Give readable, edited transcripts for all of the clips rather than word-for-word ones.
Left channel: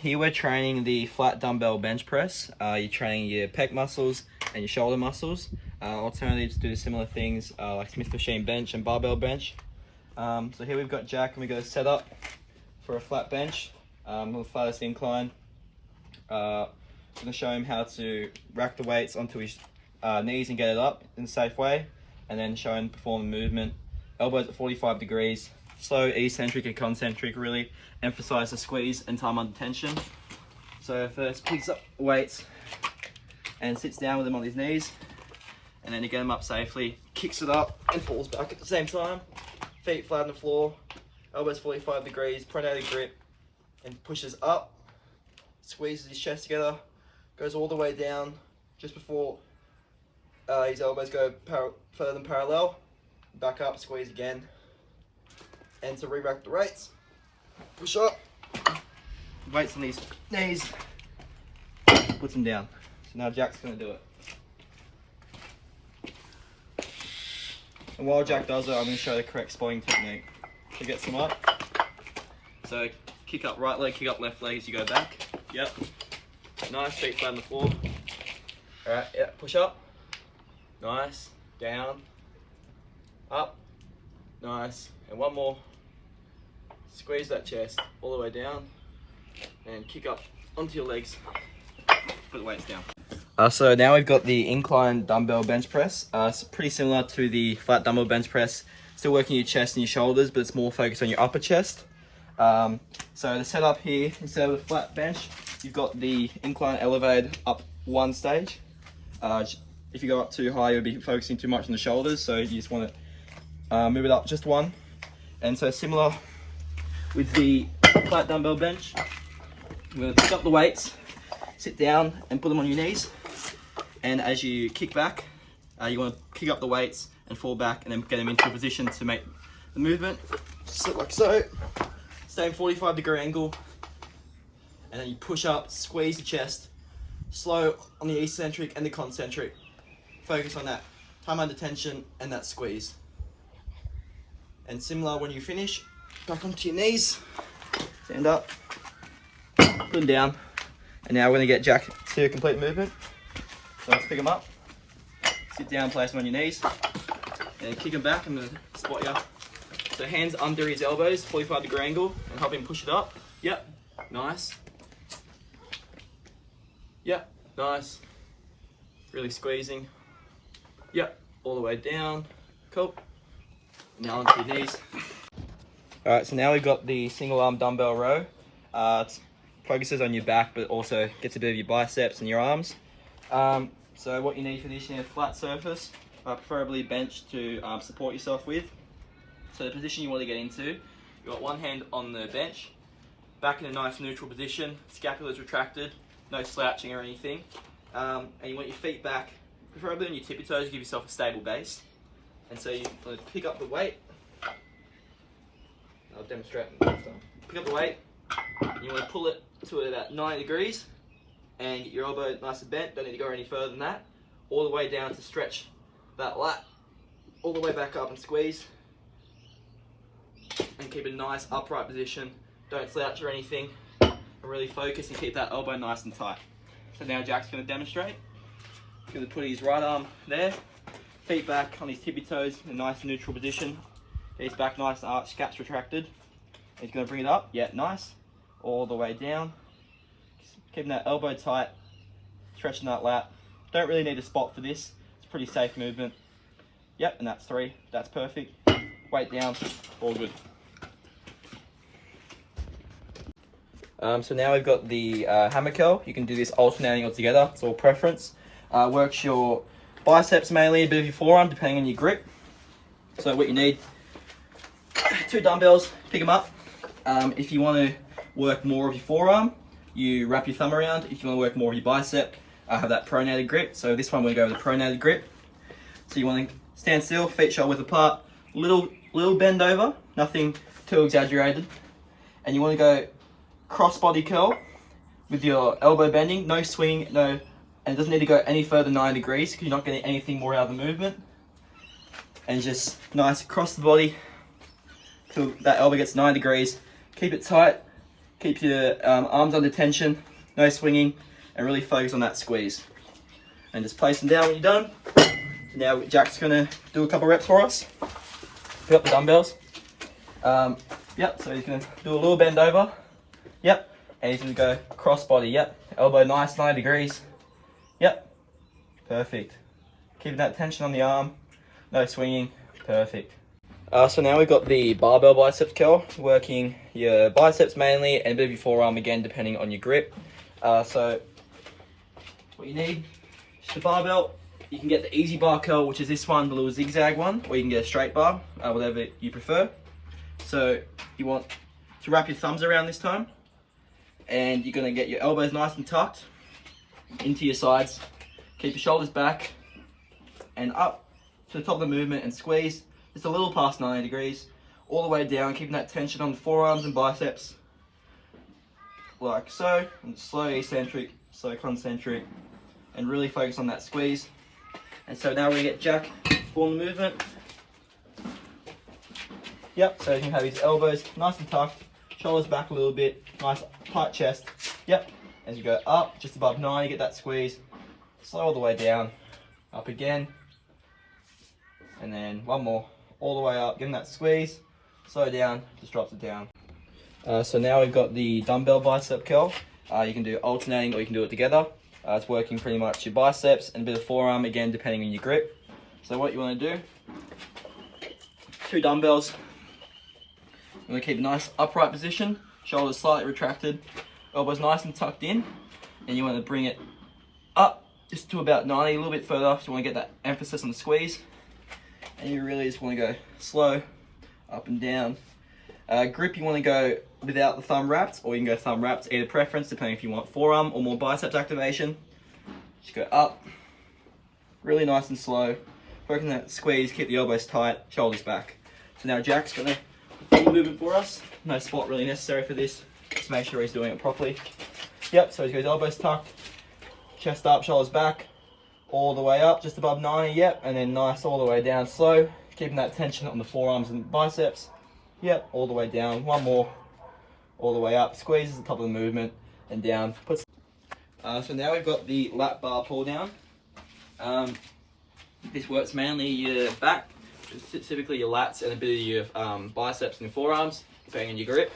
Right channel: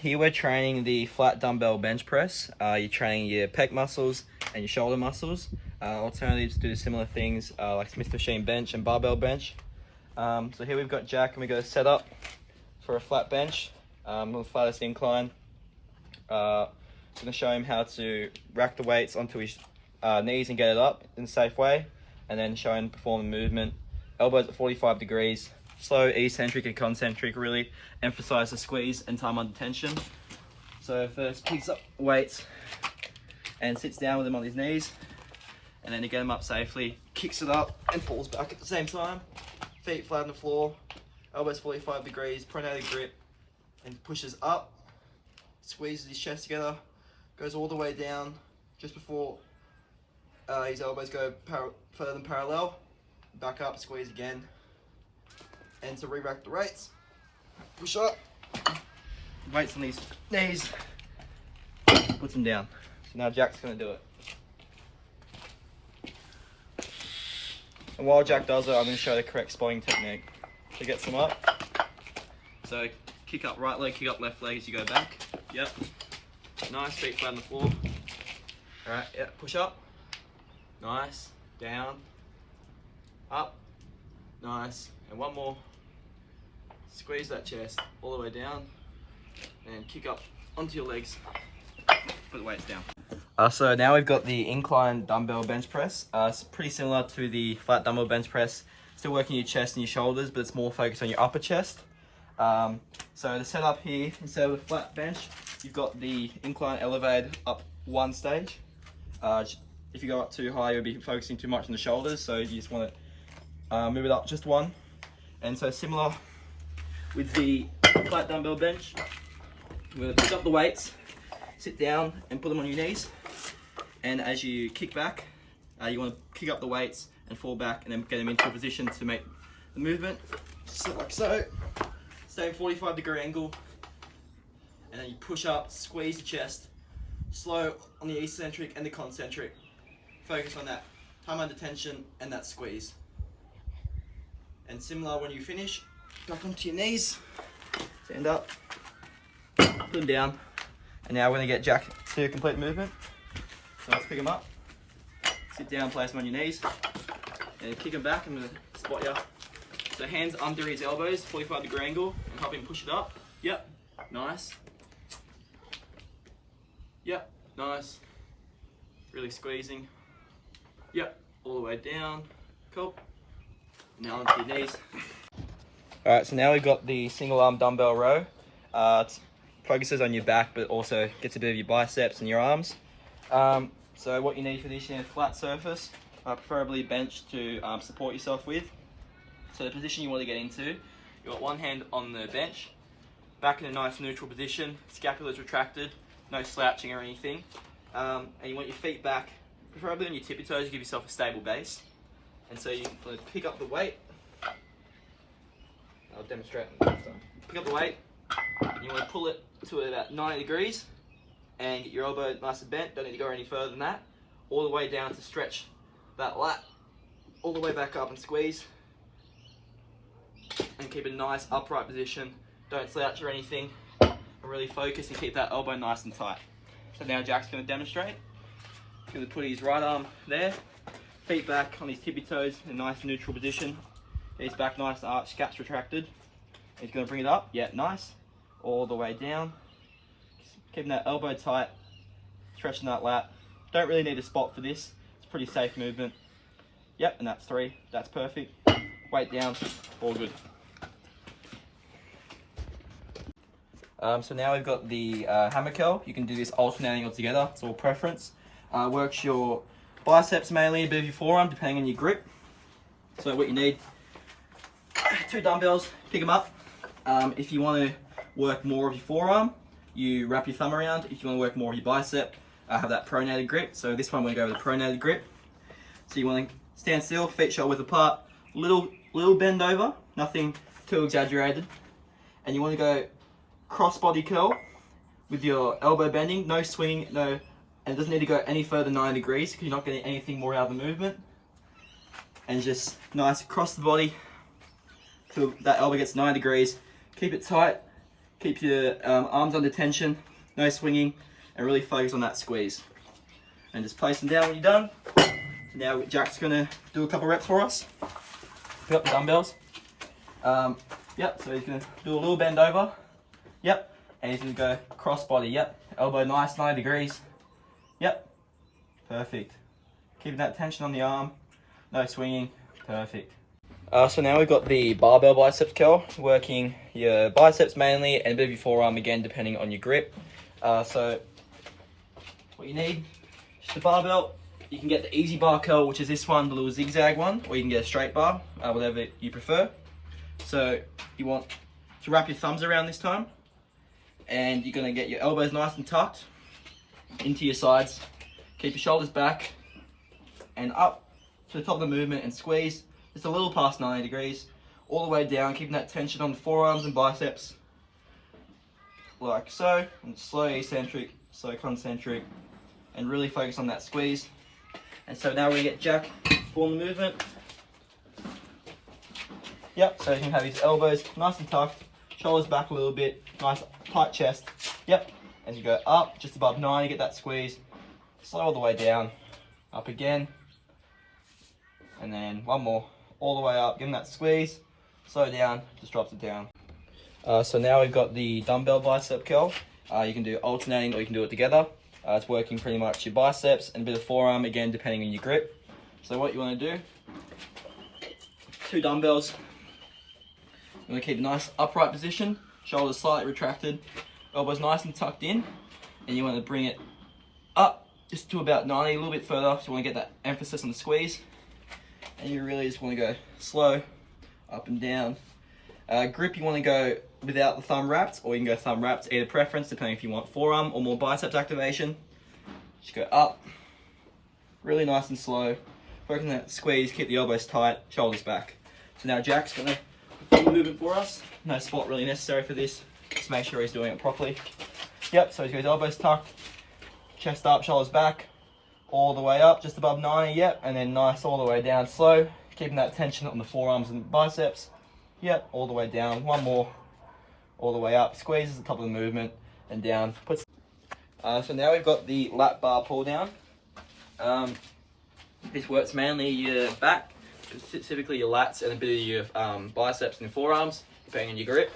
Here we're training the flat dumbbell bench press. You're training your pec muscles and your shoulder muscles. Alternatives do similar things like Smith machine bench and barbell bench. So here we've got Jack and we've got a setup for a flat bench on the flattest incline. I'm going to show him how to rack the weights onto his knees and get it up in a safe way, and then show him perform the movement. Elbows at 45 degrees. Slow, eccentric and concentric, really emphasize the squeeze and time under tension. So first picks up weights and sits down with them on his knees, and then to get him up safely, kicks it up and falls back at the same time. Feet flat on the floor, elbows 45 degrees, pronated grip, and pushes up, squeezes his chest together, goes all the way down just before his elbows go further than parallel, back up, squeeze again. And to re-rack the weights, push up, weights on these knees, puts them down. So now Jack's going to do it. And while Jack does it, I'm going to show the correct spotting technique to get some up. So kick up right leg, kick up left leg as you go back. Yep. Nice, feet flat on the floor. Alright, yeah, push up. Nice, down, up, nice, and one more. Squeeze that chest all the way down and kick up onto your legs. Put the weights down. So now we've got the incline dumbbell bench press. It's pretty similar to the flat dumbbell bench press. Still working your chest and your shoulders, but it's more focused on your upper chest. So the setup here, instead of a flat bench, you've got the incline elevated up one stage. If you go up too high, you'll be focusing too much on the shoulders, so you just want to move it up just one. And so similar with the flat dumbbell bench, you're going to pick up the weights, sit down and put them on your knees, and as you kick back, you want to pick up the weights and fall back and then get them into a position to make the movement. Just sit like so, same 45-degree angle, and then you push up, squeeze the chest, slow on the eccentric and the concentric. Focus on that time under tension and that squeeze. And similar when you finish, back onto your knees, stand up, put them down, and now we're going to get Jack to complete movement. So let's pick him up, sit down, place him on your knees, and kick him back. I'm going to spot you. So hands under his elbows, 45-degree angle, and help him push it up. Yep, nice. Yep, nice. Really squeezing. Yep, all the way down. Cool. Now onto your knees. Alright, so now we've got the single arm dumbbell row. It focuses on your back, but also gets a bit of your biceps and your arms. So what you need for this, you need a flat surface, preferably bench to support yourself with. So the position you want to get into, you've got one hand on the bench, back in a nice neutral position, scapula's retracted, no slouching or anything. And you want your feet back, preferably on your tippy toes to give yourself a stable base. And so you want to pick up the weight. I'll demonstrate next time. Pick up the weight, and you want to pull it to about 90 degrees and get your elbow nice and bent. Don't need to go any further than that. All the way down to stretch that lat. All the way back up and squeeze. And keep a nice upright position. Don't slouch or anything. And really focus and keep that elbow nice and tight. So now Jack's going to demonstrate. He's going to put his right arm there. Feet back on his tippy toes in a nice neutral position. Get his back nice and arched, scaps retracted. He's going to bring it up. Yeah, nice. All the way down. Keeping that elbow tight. Stretching that lat. Don't really need a spot for this. It's a pretty safe movement. Yep, and that's 3. That's perfect. Weight down. All good. So now we've got the hammer curl. You can do this alternating all together. It's all preference. Works your biceps mainly, a bit of your forearm, depending on your grip. So what you need, 2 dumbbells, pick them up. If you want to work more of your forearm, you wrap your thumb around. If you want to work more of your bicep, have that pronated grip. So this one we're going to go with the pronated grip. So you want to stand still, feet shoulder width apart, little bend over, nothing too exaggerated. And you want to go cross body curl with your elbow bending, no swing, no. And it doesn't need to go any further than 90 degrees because you're not getting anything more out of the movement. And just nice across the body till that elbow gets 90 degrees. Keep it tight Keep your arms under tension, no swinging, and really focus on that squeeze. And just place them down when you're done. Now Jack's gonna do a couple reps for us. Pick up the dumbbells. Yep, so he's gonna do a little bend over. Yep, and he's gonna go cross body. Yep, elbow nice, 90 degrees. Yep, perfect. Keeping that tension on the arm, no swinging, perfect. So now we've got the barbell biceps curl, working your biceps mainly and a bit of your forearm again, depending on your grip. So what you need, just a barbell. You can get the easy bar curl, which is this one, the little zigzag one, or you can get a straight bar, whatever you prefer. So you want to wrap your thumbs around this time, and you're gonna get your elbows nice and tucked into your sides. Keep your shoulders back and up to the top of the movement and squeeze just a little past 90 degrees, all the way down, keeping that tension on the forearms and biceps, like so, and slow eccentric, slow concentric, and really focus on that squeeze. And so now we're gonna get Jack for the movement. Yep, so he can have his elbows nice and tucked, shoulders back a little bit, nice tight chest. Yep, as you go up, just above 90, get that squeeze, slow all the way down, up again, and then one more, all the way up, getting that squeeze, slow down, just drops it down. So now we've got the dumbbell bicep curl. You can do alternating or you can do it together. It's working pretty much your biceps and a bit of forearm, again, depending on your grip. So what you want to do, 2 dumbbells. You want to keep a nice upright position, shoulders slightly retracted, elbows nice and tucked in, and you want to bring it up just to about 90, a little bit further, so you want to get that emphasis on the squeeze. And you really just want to go slow, up and down. Grip, you want to go without the thumb wrapped, or you can go thumb wrapped, either preference, depending if you want forearm or more biceps activation. Just go up, really nice and slow. Working that squeeze, keep the elbows tight, shoulders back. So now Jack's gonna do the movement for us. No spot really necessary for this. Just make sure he's doing it properly. Yep, so he's got his elbows tucked, chest up, shoulders back, all the way up, just above 90, yep, and then nice all the way down slow, keeping that tension on the forearms and biceps. Yep, all the way down, one more, all the way up, squeezes the top of the movement, and down. So now we've got the lat bar pull down. This works mainly your back, specifically your lats, and a bit of your biceps and your forearms, depending on your grip.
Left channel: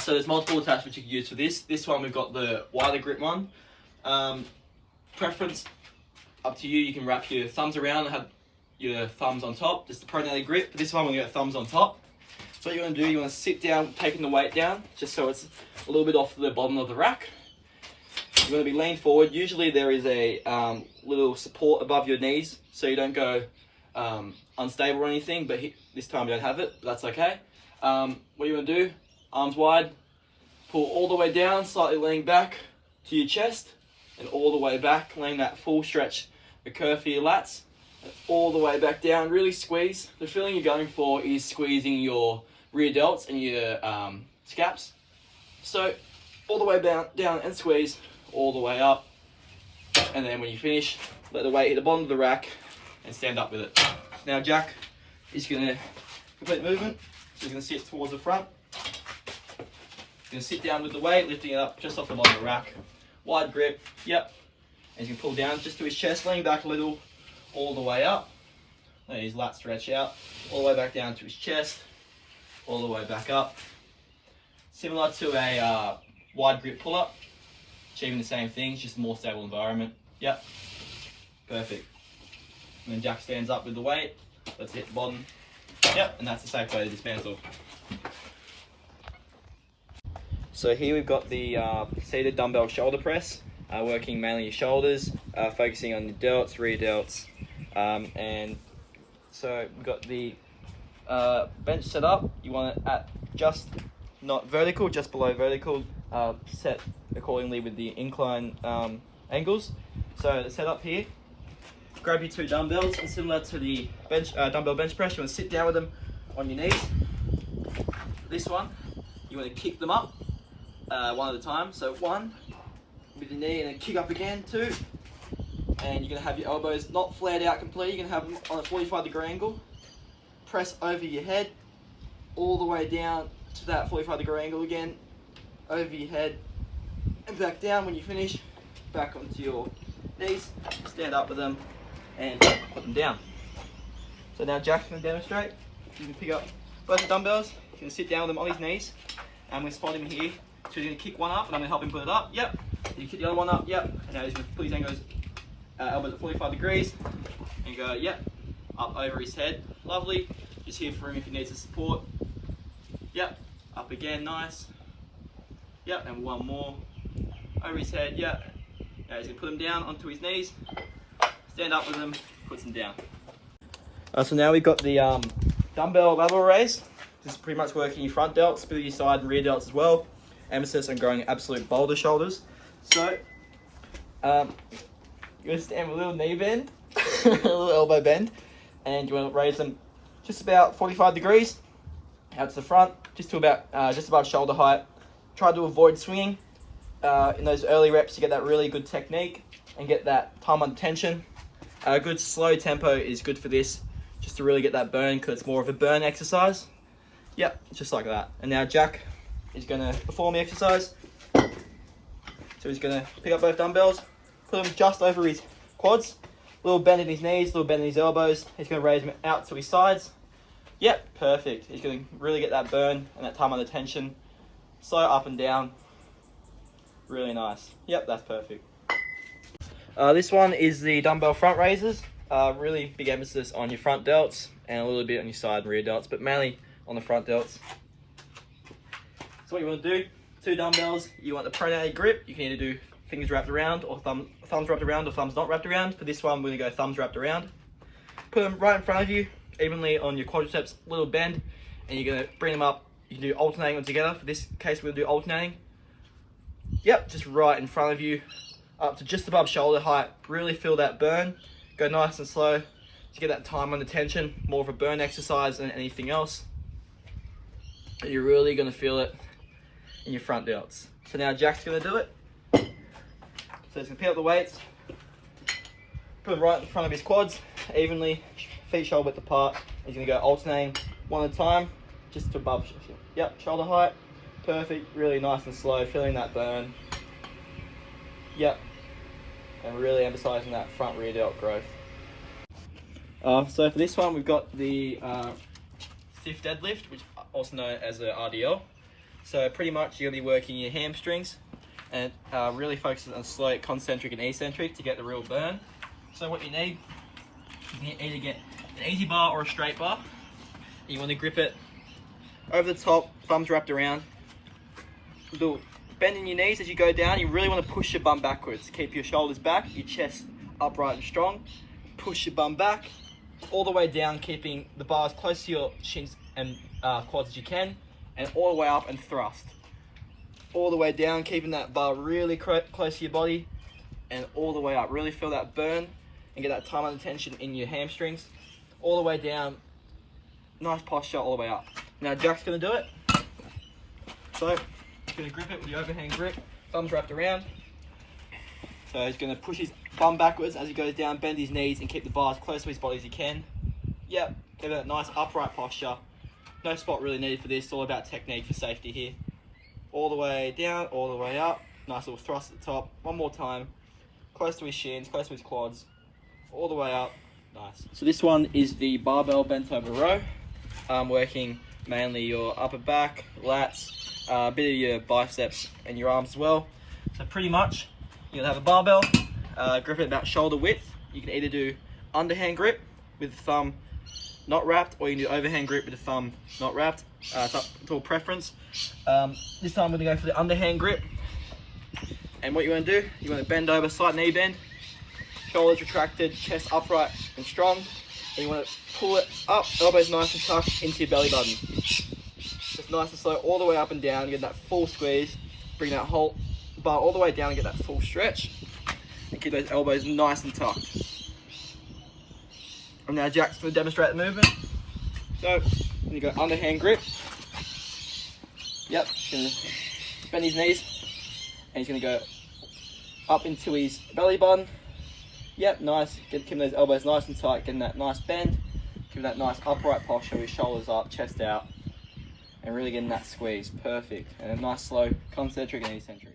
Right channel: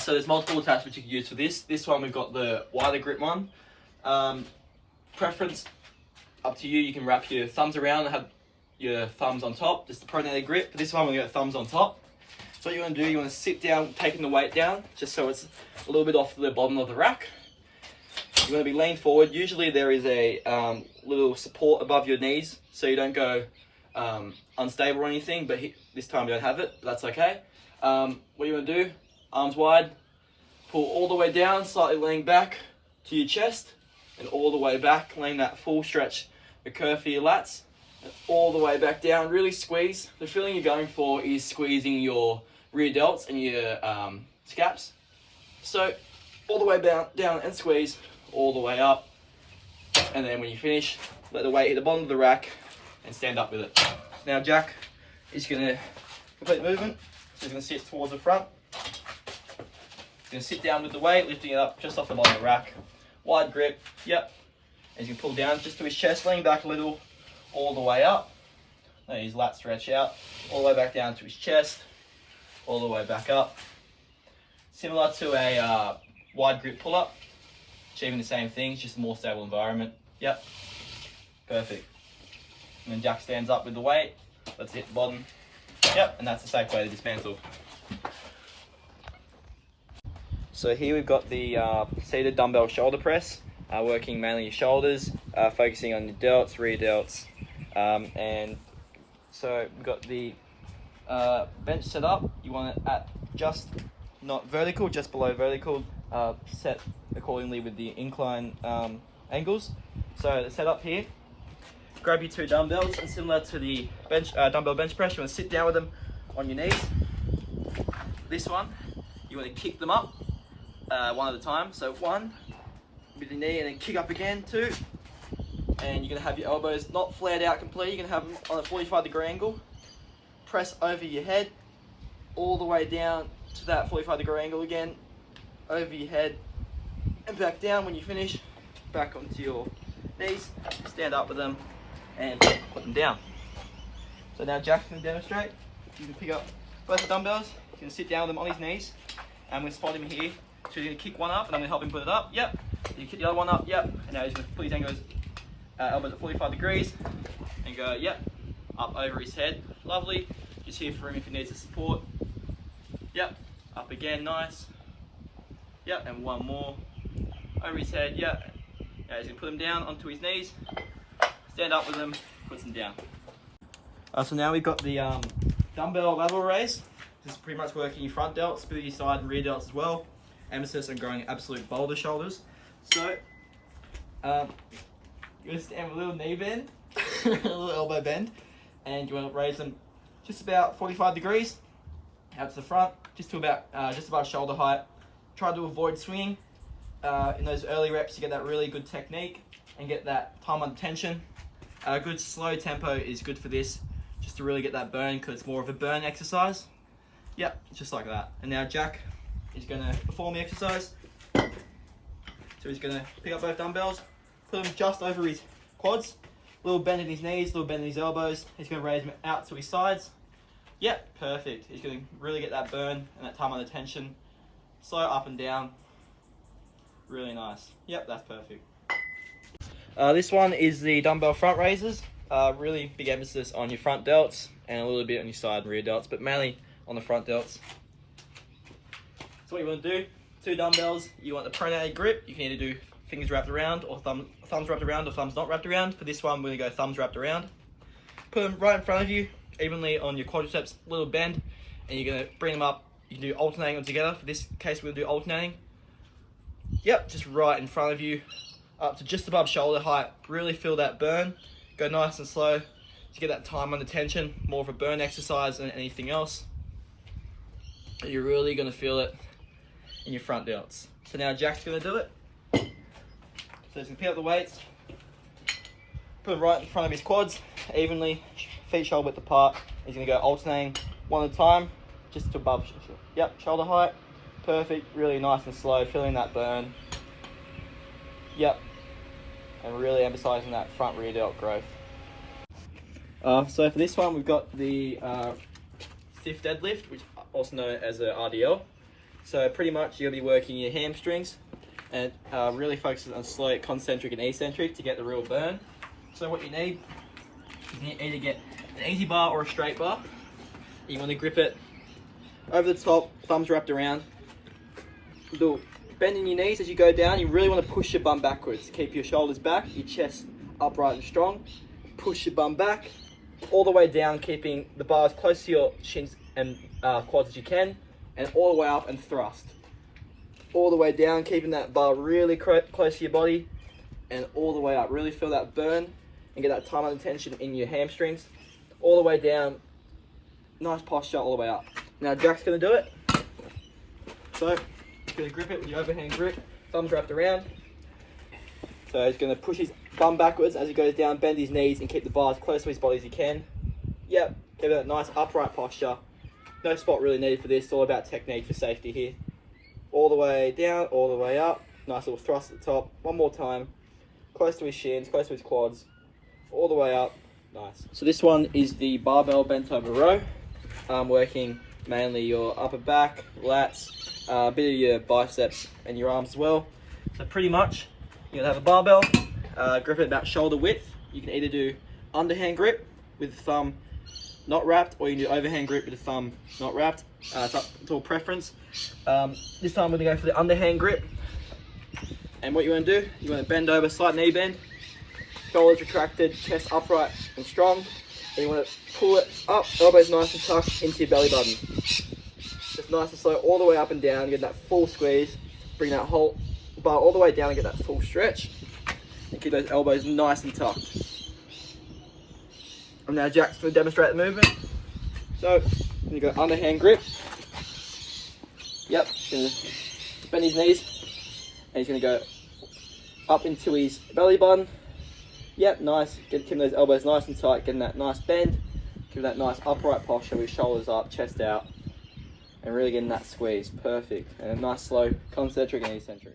So there's multiple attachments you can use for this. This one, we've got the wider grip one. Preference, up to you. You can wrap your thumbs around and have your thumbs on top, just the pronated grip. For this one, we're going to thumbs on top. So what you want to do, you want to sit down, taking the weight down, just so it's a little bit off the bottom of the rack. You want to be leaned forward. Usually there is a little support above your knees, so you don't go unstable or anything, but this time you don't have it, but that's okay. What you want to do, arms wide, pull all the way down, slightly leaning back to your chest, and all the way back, laying that full stretch, the curve for your lats, and all the way back down, really squeeze. The feeling you're going for is squeezing your rear delts and your scaps. So all the way down and squeeze, all the way up, and then when you finish, let the weight hit the bottom of the rack and stand up with it. Now Jack is going to complete the movement, so he's going to sit towards the front. He's going to sit down with the weight, lifting it up just off the bottom of the rack. Wide grip, yep. And he's going to pull down just to his chest, lean back a little, all the way up. Let his lats stretch out, all the way back down to his chest, all the way back up. Similar to a wide grip pull-up, achieving the same thing, just a more stable environment. Yep, perfect. And then Jack stands up with the weight, let's hit the bottom. Yep, and that's a safe way to dismantle. So here we've got the seated dumbbell shoulder press, working mainly your shoulders, focusing on your delts, rear delts. And so we've got the bench set up. You want it at just not vertical, just below vertical, set accordingly with the incline angles. So the setup here, grab your 2 dumbbells, and similar to the bench dumbbell bench press, you want to sit down with them on your knees. For this one, you want to kick them up one at a time. So 1 with your knee, and then kick up again, 2. And you're going to have your elbows not flared out completely. You're going to have them on a 45-degree angle. Press over your head all the way down to that 45-degree angle again. over your head and back down. When you finish, back onto your knees, stand up with them and put them down. So now Jack's going to demonstrate. You can pick up both the dumbbells, he's going to sit down with them on his knees, and we'll spot him here. So he's going to kick one up and I'm going to help him put it up, yep. You kick the other one up, yep. And now he's going to put his elbows at 45 degrees and go, yep, up over his head, lovely. Just here for him if he needs the support. Yep, up again, nice. Yep, and one more. Over his head, yep. Now he's going to put him down onto his knees, stand up with him, puts him down. So now we've got the dumbbell lateral raise. This is pretty much working your front delts, bit of your side and rear delts as well. Emphasis on growing absolute boulder shoulders. So, you're going to stand with a little knee bend, a little elbow bend, and you want to raise them just about 45 degrees out to the front, just to about just above shoulder height. Try to avoid swinging in those early reps to get that really good technique and get that time under tension. A good slow tempo is good for this, just to really get that burn, because it's more of a burn exercise. Yep, just like that. And now Jack is going to perform the exercise. So he's going to pick up both dumbbells, put them just over his quads, little bend in his knees, little bend in his elbows. He's going to raise them out to his sides. Yep, perfect. He's going to really get that burn and that time under tension. Slow up and down. Really nice. Yep, that's perfect. This one is the dumbbell front raises. Really big emphasis on your front delts and a little bit on your side and rear delts, but mainly on the front delts. So what you want to do, 2 dumbbells, you want the pronated grip. You can either do fingers wrapped around or thumbs wrapped around or thumbs not wrapped around. For this one, we're going to go thumbs wrapped around. Put them right in front of you, evenly on your quadriceps, little bend, and you're going to bring them up. You can do alternating them together. For this case, we're going to do alternating. Yep, just right in front of you, up to just above shoulder height. Really feel that burn. Go nice and slow to get that time under tension. More of a burn exercise than anything else. You're really going to feel it in your front delts. So now Jack's going to do it. So he's going to pick up the weights, put them right in front of his quads, evenly, feet shoulder width apart. He's going to go alternating one at a time, just to above, yep, shoulder height. Perfect, really nice and slow, feeling that burn. Yep, and really emphasizing that front rear delt growth. So for this one, we've got the stiff deadlift, which is also known as the RDL. So pretty much you're going to be working your hamstrings and really focusing on slow, concentric and eccentric to get the real burn. So what you need is either get an easy bar or a straight bar. You want to grip it over the top, thumbs wrapped around. Do bend in your knees as you go down. You really want to push your bum backwards. Keep your shoulders back, your chest upright and strong. Push your bum back all the way down, keeping the bar as close to your shins and quads as you can, and all the way up and thrust. All the way down, keeping that bar really close to your body, and all the way up. Really feel that burn and get that time under tension in your hamstrings. All the way down, nice posture all the way up. Now Jack's going to do it. So he's going to grip it with the overhand grip, thumbs wrapped around. So he's going to push his bum backwards as he goes down, bend his knees and keep the bar as close to his body as he can. Yep, give it a nice upright posture. No spot really needed for this, it's all about technique for safety here. All the way down, all the way up. Nice little thrust at the top. One more time. Close to his shins, close to his quads. All the way up. Nice. So this one is the barbell bent over row. Working mainly your upper back, lats, a bit of your biceps and your arms as well. So pretty much, you're gonna have a barbell, grip it about shoulder width. You can either do underhand grip with the thumb not wrapped, or you can do overhand grip with the thumb not wrapped. It's up to all preference. This time we're gonna go for the underhand grip. And what you wanna do, you wanna bend over, slight knee bend, shoulders retracted, chest upright and strong. And you wanna pull it up, elbows nice and tucked into your belly button. Just nice and slow all the way up and down, you get that full squeeze, bring that whole bar all the way down and get that full stretch. And keep those elbows nice and tucked. And now Jack's going to demonstrate the movement. So, you go underhand grip. Yep, he's going to bend his knees. And he's going to go up into his belly button. Yep, nice. Keeping those elbows nice and tight, getting that nice bend. Giving that nice upright posture with shoulders up, chest out. and really getting that squeeze. Perfect. And a nice slow concentric and eccentric.